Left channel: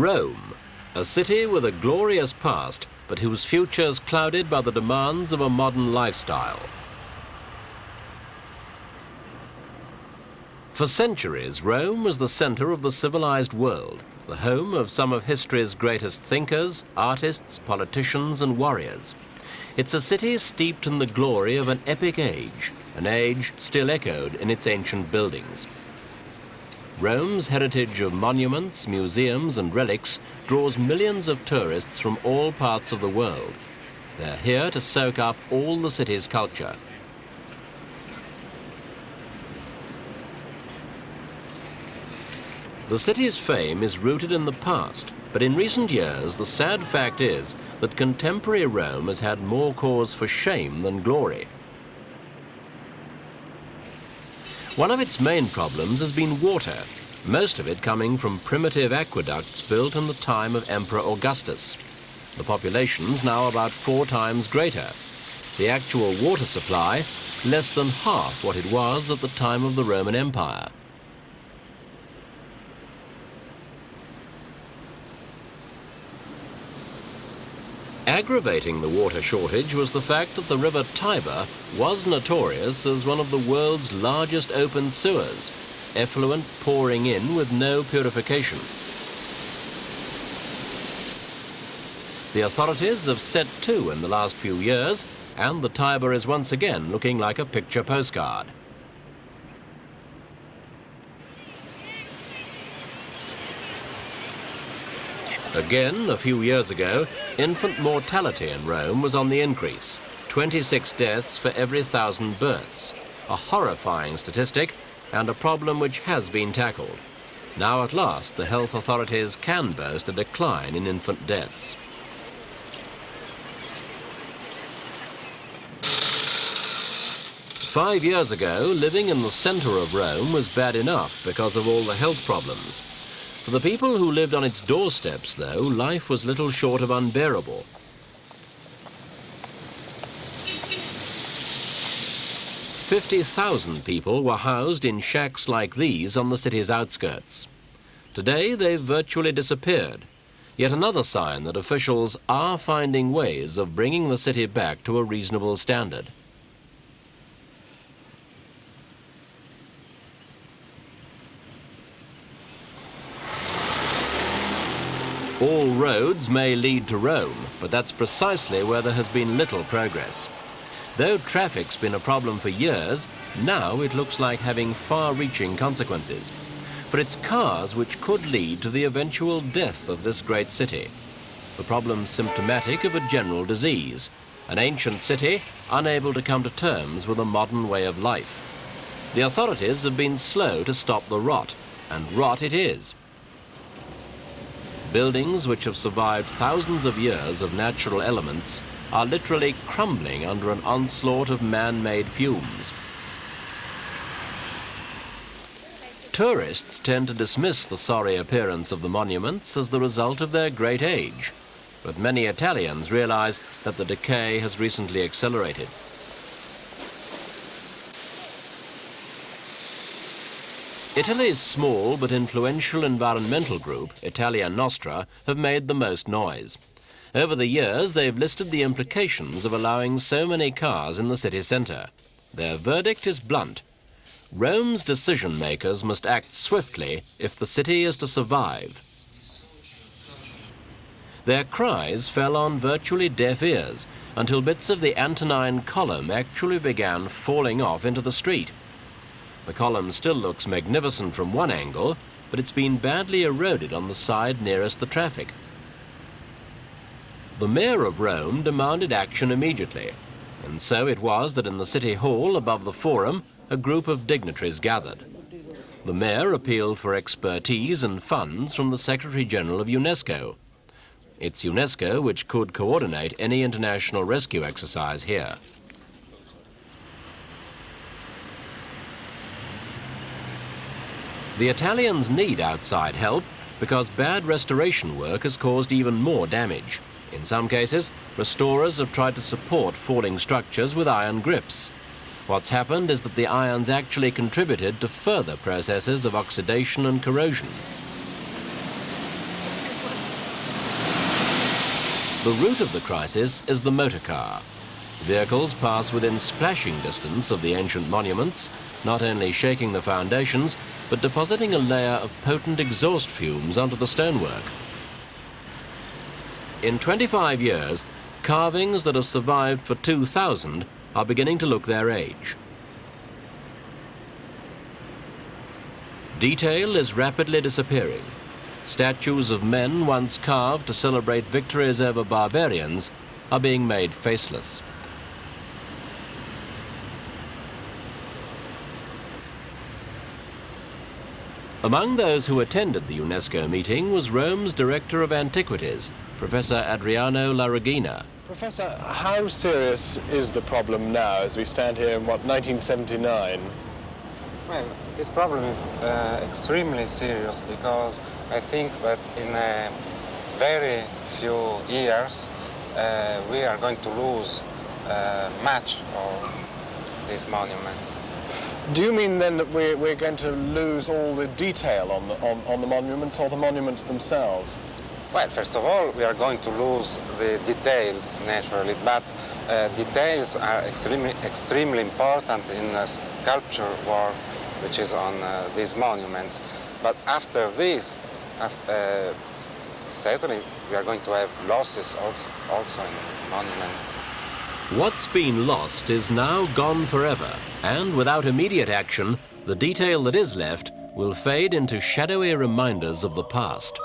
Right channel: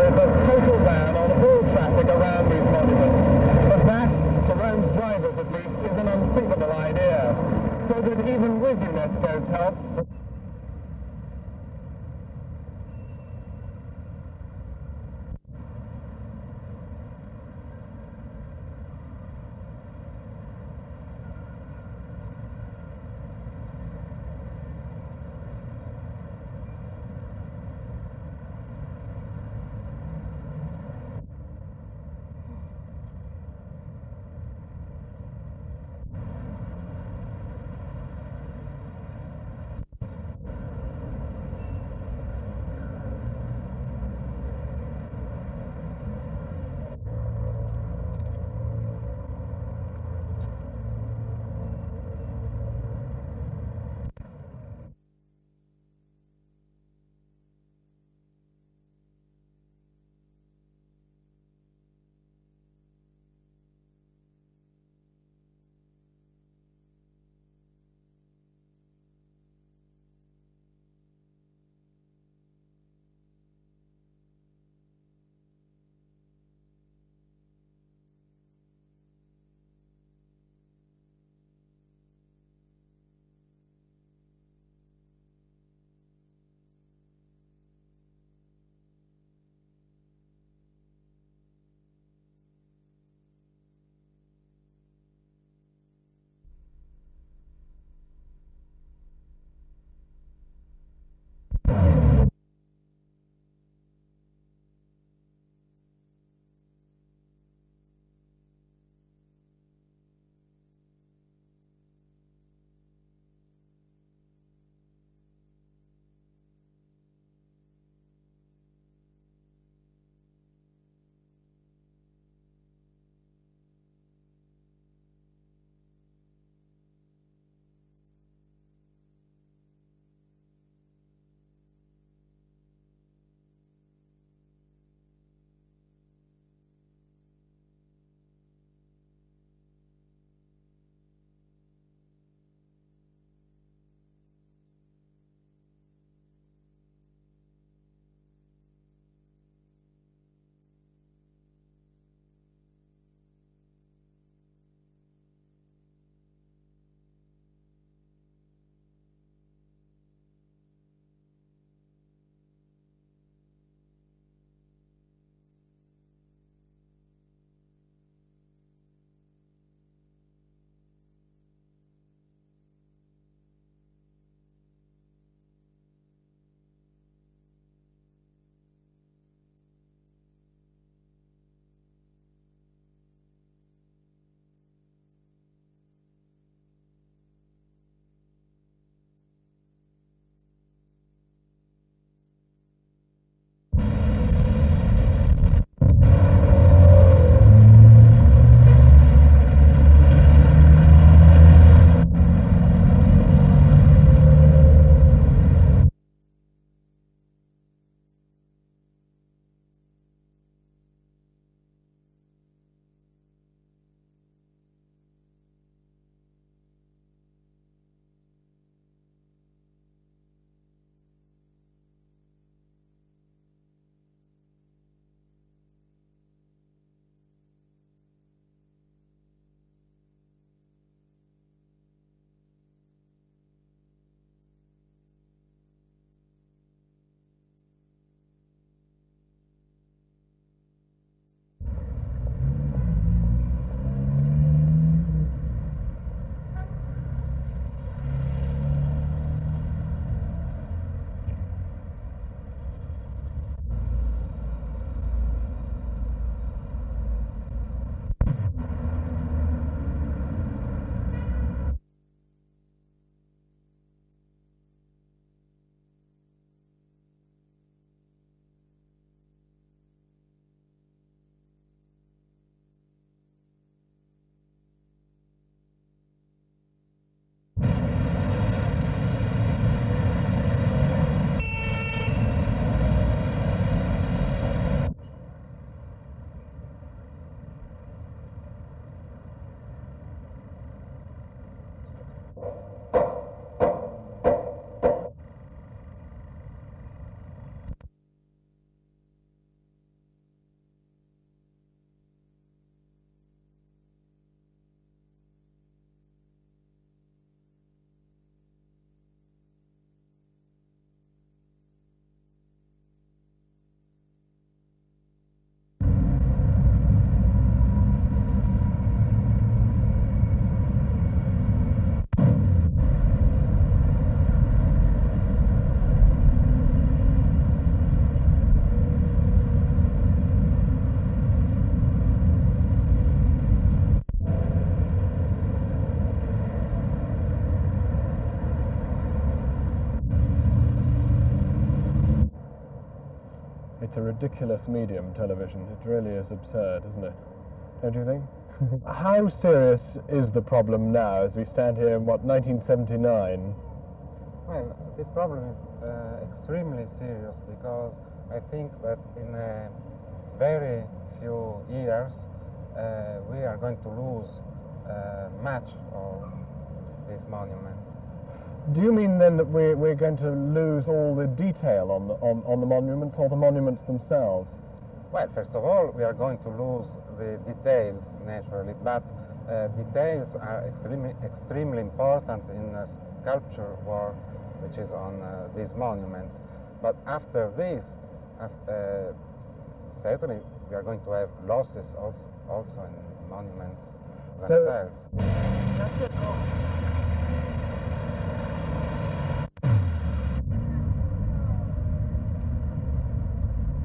Rome, a city with a glorious past, but whose future is clouded by the demands of a modern lifestyle. For centuries, Rome was the center of the civilized world, the home of some of history's greatest thinkers, artists, politicians, and warriors. It's a city steeped in the glory of an epic age, an age still echoed in its ancient buildings. Rome's heritage of monuments, museums, and relics draws millions of tourists from all parts of the world. They're here to soak up all the city's culture. The city's fame is rooted in the past, but in recent years, the sad fact is that contemporary Rome has had more cause for shame than glory. One of its main problems has been water, most of it coming from primitive aqueducts built in the time of Emperor Augustus. The population's now about 4 times greater. The actual water supply, less than half what it was at the time of the Roman Empire. Aggravating the water shortage was the fact that the river Tiber was notorious as one of the world's largest open sewers, effluent pouring in with no purification. The authorities have set to in the last few years, and the Tiber is once again looking like a picture postcard. Again, a few years ago, infant mortality in Rome was on the increase. 26 deaths for every 1,000 births. A horrifying statistic and a problem which has been tackled. Now at last, the health authorities can boast a decline in infant deaths. Five years ago, living in the center of Rome was bad enough because of all the health problems. For the people who lived on its doorsteps, though, life was little short of unbearable. "50,000 people were housed in shacks like these on the city's outskirts. Today, they've virtually disappeared. Yet another sign that officials are finding ways of bringing the city back to a reasonable standard. All roads may lead to Rome, but that's precisely where there has been little progress. Though traffic's been a problem for years, now it looks like having far-reaching consequences. For it's cars which could lead to the eventual death of this great city. The problem's symptomatic of a general disease, an ancient city unable to come to terms with a modern way of life. The authorities have been slow to stop the rot, and rot it is. Buildings which have survived thousands of years of natural elements are literally crumbling under an onslaught of man-made fumes. Tourists tend to dismiss the sorry appearance of the monuments as the result of their great age, but many Italians realize that the decay has recently accelerated. Italy's small but influential environmental group, Italia Nostra, have made the most noise. Over the years, they've listed the implications of allowing so many cars in the city centre. Their verdict is blunt. Rome's decision-makers must act swiftly if the city is to survive. Their cries fell on virtually deaf ears until bits of the Antonine Column actually began falling off into the street. The column still looks magnificent from one angle, but it's been badly eroded on the side nearest the traffic. The mayor of Rome demanded action immediately, and so it was that in the city hall above the Forum, a group of dignitaries gathered. The mayor appealed for expertise and funds from the Secretary General of UNESCO. It's UNESCO which could coordinate any international rescue exercise here. The Italians need outside help because bad restoration work has caused even more damage. In some cases, restorers have tried to support falling structures with iron grips. What's happened is that the iron's actually contributed to further processes of oxidation and corrosion. The root of the crisis is the motor car. Vehicles pass within splashing distance of the ancient monuments, not only shaking the foundations, but depositing a layer of potent exhaust fumes onto the stonework. In 25 years, carvings that have survived for 2000 are beginning to look their age. Detail is rapidly disappearing. Statues of men once carved to celebrate victories over barbarians are being made faceless. Among those who attended the UNESCO meeting was Rome's Director of Antiquities, Professor Adriano La Regina. Professor, how serious is the problem now as we stand here in, 1979? Well, this problem is extremely serious because I think that in a very few years we are going to lose much of these monuments. Do you mean then that we're going to lose all the detail on the monuments, or the monuments themselves? Well, first of all, we are going to lose the details, naturally, but details are extremely important in sculpture work, which is on these monuments. But after this, certainly we are going to have losses also in monuments. What's been lost is now gone forever, and without immediate action, the detail that is left will fade into shadowy reminders of the past.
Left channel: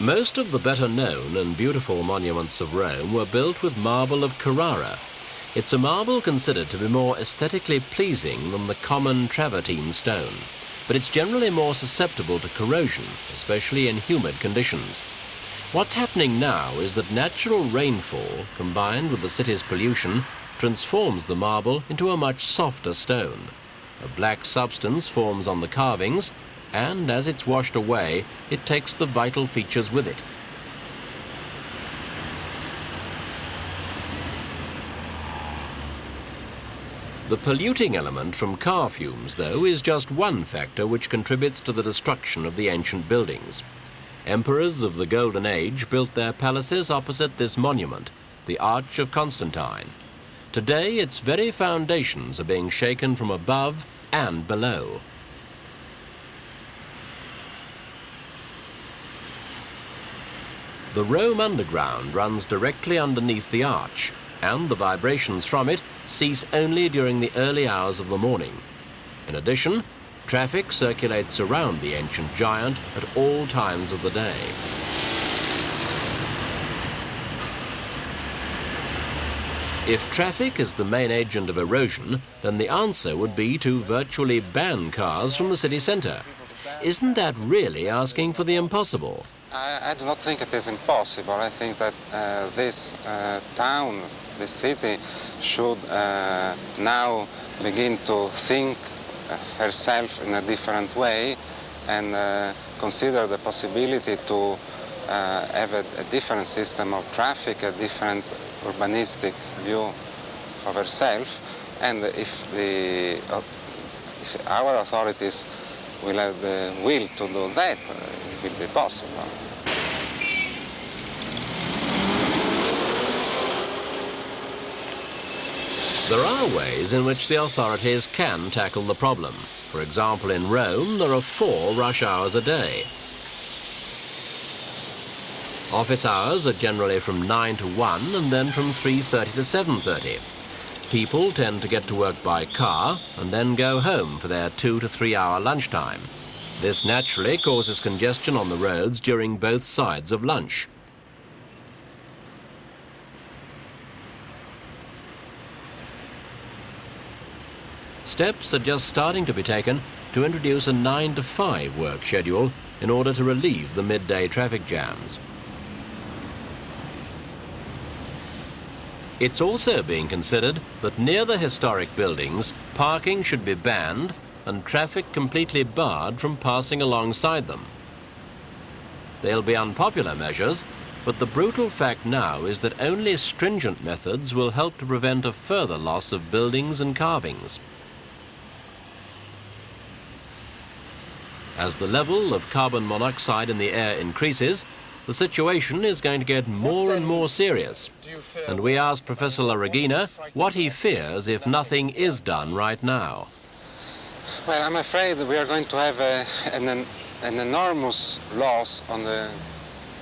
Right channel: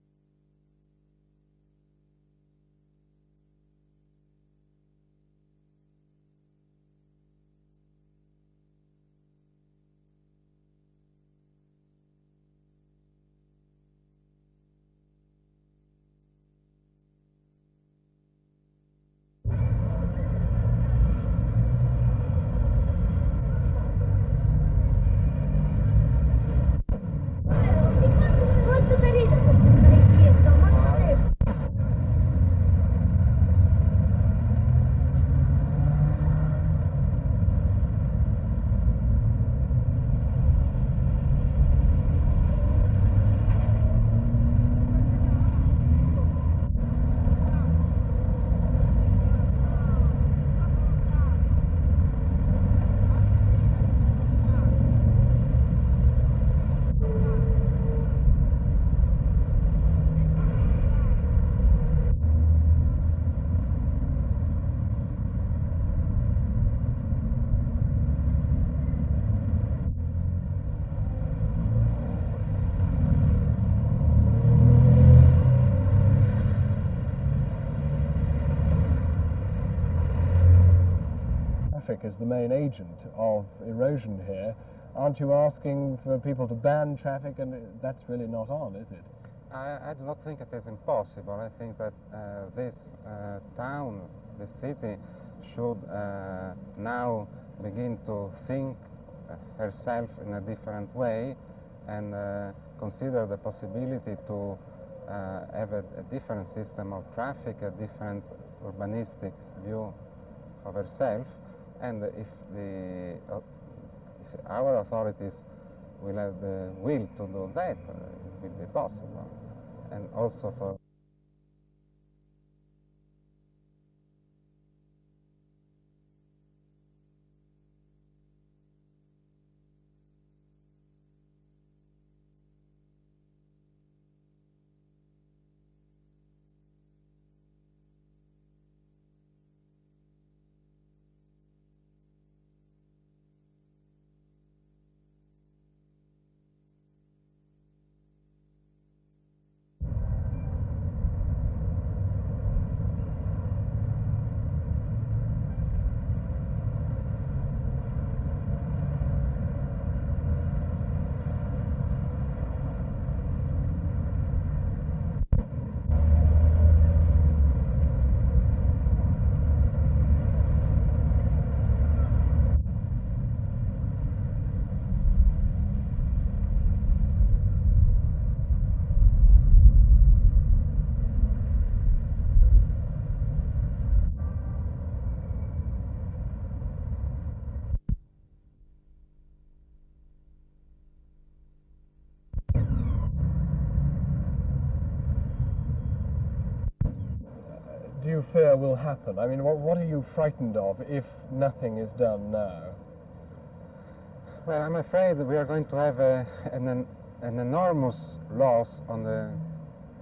Most of the better known and beautiful monuments of Rome were built with marble of Carrara. It's a marble considered to be more aesthetically pleasing than the common travertine stone, but it's generally more susceptible to corrosion, especially in humid conditions. What's happening now is that natural rainfall, combined with the city's pollution, transforms the marble into a much softer stone. A black substance forms on the carvings, and as it's washed away, it takes the vital features with it. The polluting element from car fumes, though, is just one factor which contributes to the destruction of the ancient buildings. Emperors of the Golden Age built their palaces opposite this monument, the Arch of Constantine. Today, its very foundations are being shaken from above and below. The Rome Underground runs directly underneath the arch, and the vibrations from it cease only during the early hours of the morning. In addition, traffic circulates around the ancient giant at all times of the day. If traffic is the main agent of erosion, then the answer would be to virtually ban cars from the city centre. Isn't that really asking for the impossible? I do not think it is impossible. I think that this town, this city, should now begin to think herself in a different way and consider the possibility to have a different system of traffic, a different urbanistic view of herself. And if our authorities will have the will to do that, it will be possible. There are ways in which the authorities can tackle the problem. For example, in Rome, there are 4 rush hours a day. Office hours are generally from 9 to 1 and then from 3:30 to 7:30. People tend to get to work by car and then go home for their 2 to 3 hour lunchtime. This naturally causes congestion on the roads during both sides of lunch. Steps are just starting to be taken to introduce a 9 to 5 work schedule in order to relieve the midday traffic jams. It's also being considered that near the historic buildings, parking should be banned and traffic completely barred from passing alongside them. They'll be unpopular measures, but the brutal fact now is that only stringent methods will help to prevent a further loss of buildings and carvings. As the level of carbon monoxide in the air increases, the situation is going to get more and more serious. And we asked Professor La Regina what he fears if nothing is done right now. Well, I'm afraid we are going to have an enormous loss on the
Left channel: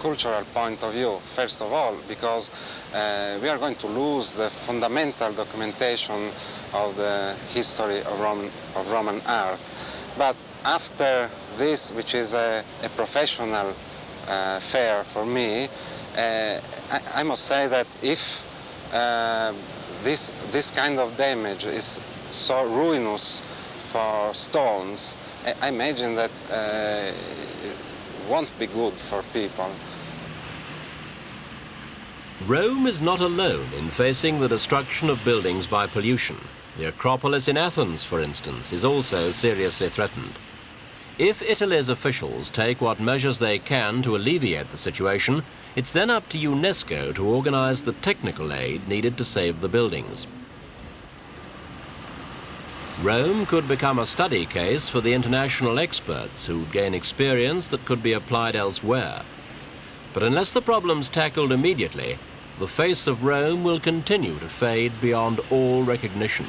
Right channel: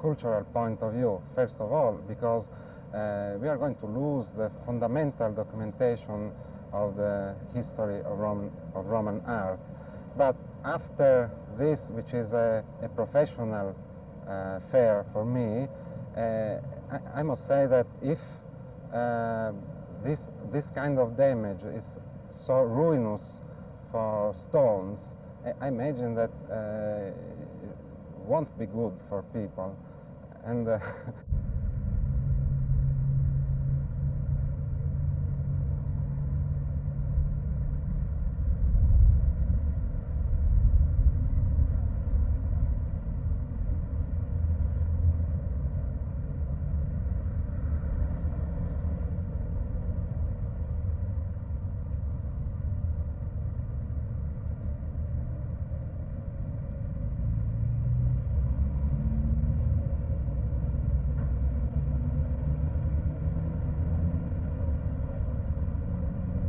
cultural point of view, first of all, because we are going to lose the fundamental documentation of the history of Roman art. But after this, which is a professional fair for me, I must say that if this kind of damage is so ruinous for stones, I imagine that it won't be good for people. Rome is not alone in facing the destruction of buildings by pollution. The Acropolis in Athens, for instance, is also seriously threatened. If Italy's officials take what measures they can to alleviate the situation, it's then up to UNESCO to organize the technical aid needed to save the buildings. Rome could become a study case for the international experts who'd gain experience that could be applied elsewhere. But unless the problem's tackled immediately, the face of Rome will continue to fade beyond all recognition.